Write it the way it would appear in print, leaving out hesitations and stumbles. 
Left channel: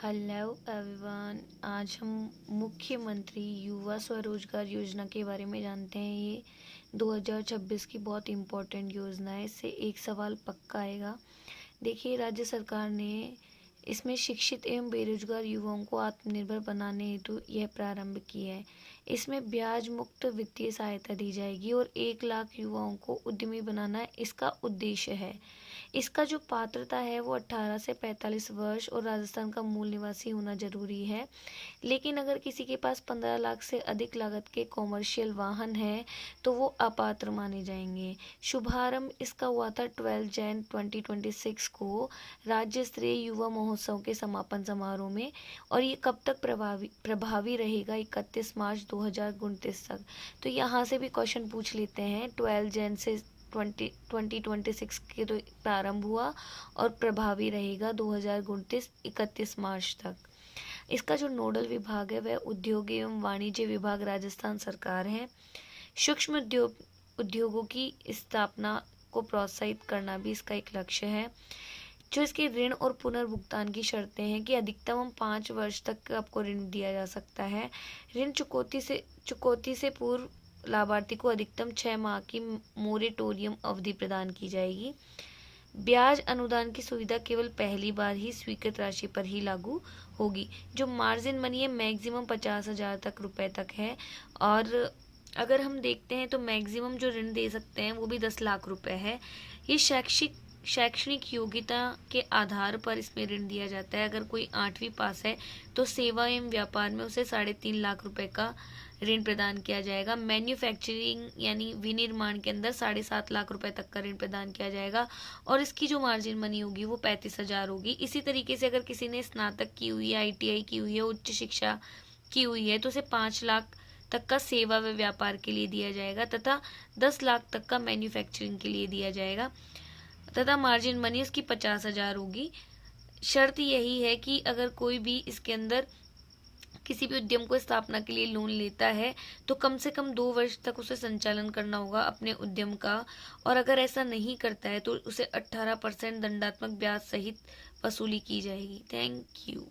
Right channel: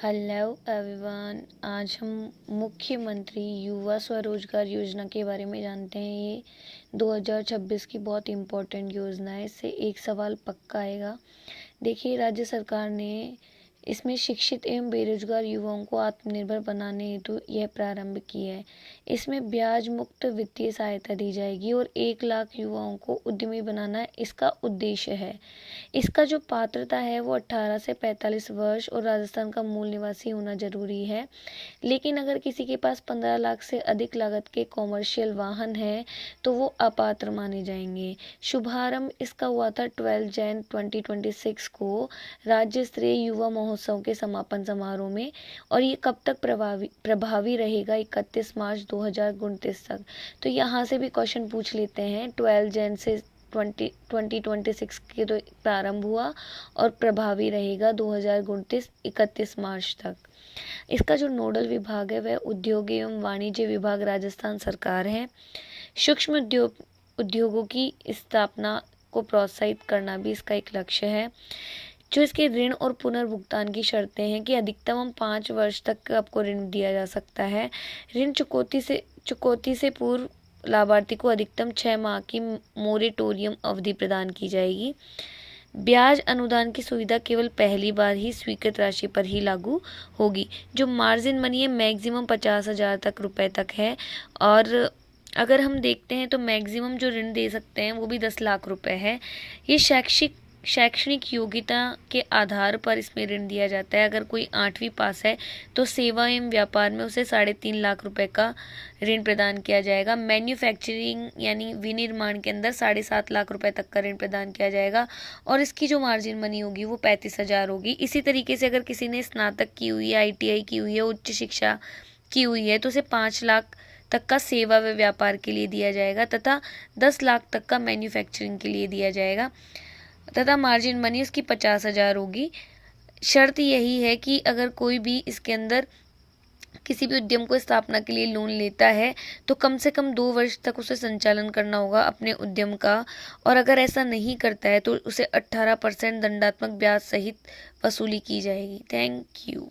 Hello everyone. आज हम मुख्यमंत्री युवा स्वरोजगार योजना के बारे में जानते हैं। ये 2026 की बहुत इम्पोर्टेंट योजना है। इससे एक सवाल पक्का आएगा। देखिए, राज्य सरकार ने इसमें शिक्षित एवं बेरोजगार युवाओं को आत्मनिर्भर बनाने हेतु यह प्रारंभ की है। इसमें ब्याज मुक्त वित्तीय सहायता दी जाएगी और 1 लाख युवाओं को उद्यमी बनाना इसका उद्देश्य है। इसका जो पात्रता है वो 18 से 45 वर्ष और राजस्थान का मूल निवासी होना जरूरी है। लेकिन अगर किसी के पास 15 लाख से अधिक लागत के कॉमर्शियल वाहन है तो वो अपात्र माने जाएंगे। शुभारंभ इसका हुआ था 12 जैन 2026 को राज्य स्तरीय युवा महोत्सव के समापन समारोह में, और ये कब तक प्रभावी रहेगा? 31 मार्च 2029 तक। तो यहाँ से भी क्वेश्चन पूछ लेते हैं। 12 जैन से 2026 के तो प्रारंभ हुआ और प्रभावी रहेगा 2029-31 मार्च तक। इसका जो नोडल विभाग है वह उद्योग एवं वाणिज्य विभाग राजस्थान सरकार है। सूक्ष्म उद्योगों की स्थापना को प्रोत्साहित करना भी इसका एक लक्ष्य है। जो इसके ऋण और पुनर्भुगतान की शर्तें हैं कि अधिकतम 5 वर्ष तक आपको ऋण दिया जा सकता है। ऋण चुकौती से पूर्व लाभार्थी को अधिकतम 6 माह की मोरेटोरियम अवधि प्रदान की जाएगी। ब्याज अनुदान की सुविधा केवल पहली बार ही स्वीकृत राशि पर ही लागू होगी। जो मार्जिन मनी है मैक्सिमम 50,000 तक रुपए तक है, और अगर हम देखते हैं तो मैक्सिमम जो ऋण दे सकते हैं वो भी 10 लाख रुपए है। ये शैक्षणिक योग्यता के आधार पर इसमें ऋण दिया जाता है। अगर कोई 8वीं पास है तो सेवा एवं व्यापार में उसे 3.5 लाख रुपए का ऋण प्रदान किया जाएगा। मैन्युफैक्चरिंग यानी विनिर्माण के अंदर 7.5 लाख रुपए तक का ऋण प्रदान किया जाएगा, और इसकी जो मार्जिन मनी होगी वो 35,000 होगी। इसी तरीके से अगर किसी ने स्नातक की हुई है, ITI की हुई है, उच्च शिक्षा की हुई है तो उसे 5 लाख तक का सेवा व व्यापार के लिए दिया जाएगा तथा 10 लाख तक का मैन्युफैक्चरिंग के लिए दिया जाएगा तथा मार्जिन मनी उसकी 50,000 होगी। शर्त यही है कि अगर कोई भी इसके अंदर किसी भी उद्यम को स्थापना के लिए लोन लेता है तो कम से कम 2 वर्ष तक उसे संचालन करना होगा अपने उद्यम का, और अगर ऐसा नहीं करता है तो उसे 18% दंडात्मक ब्याज सहित वसूली की जाएगी। Thank you.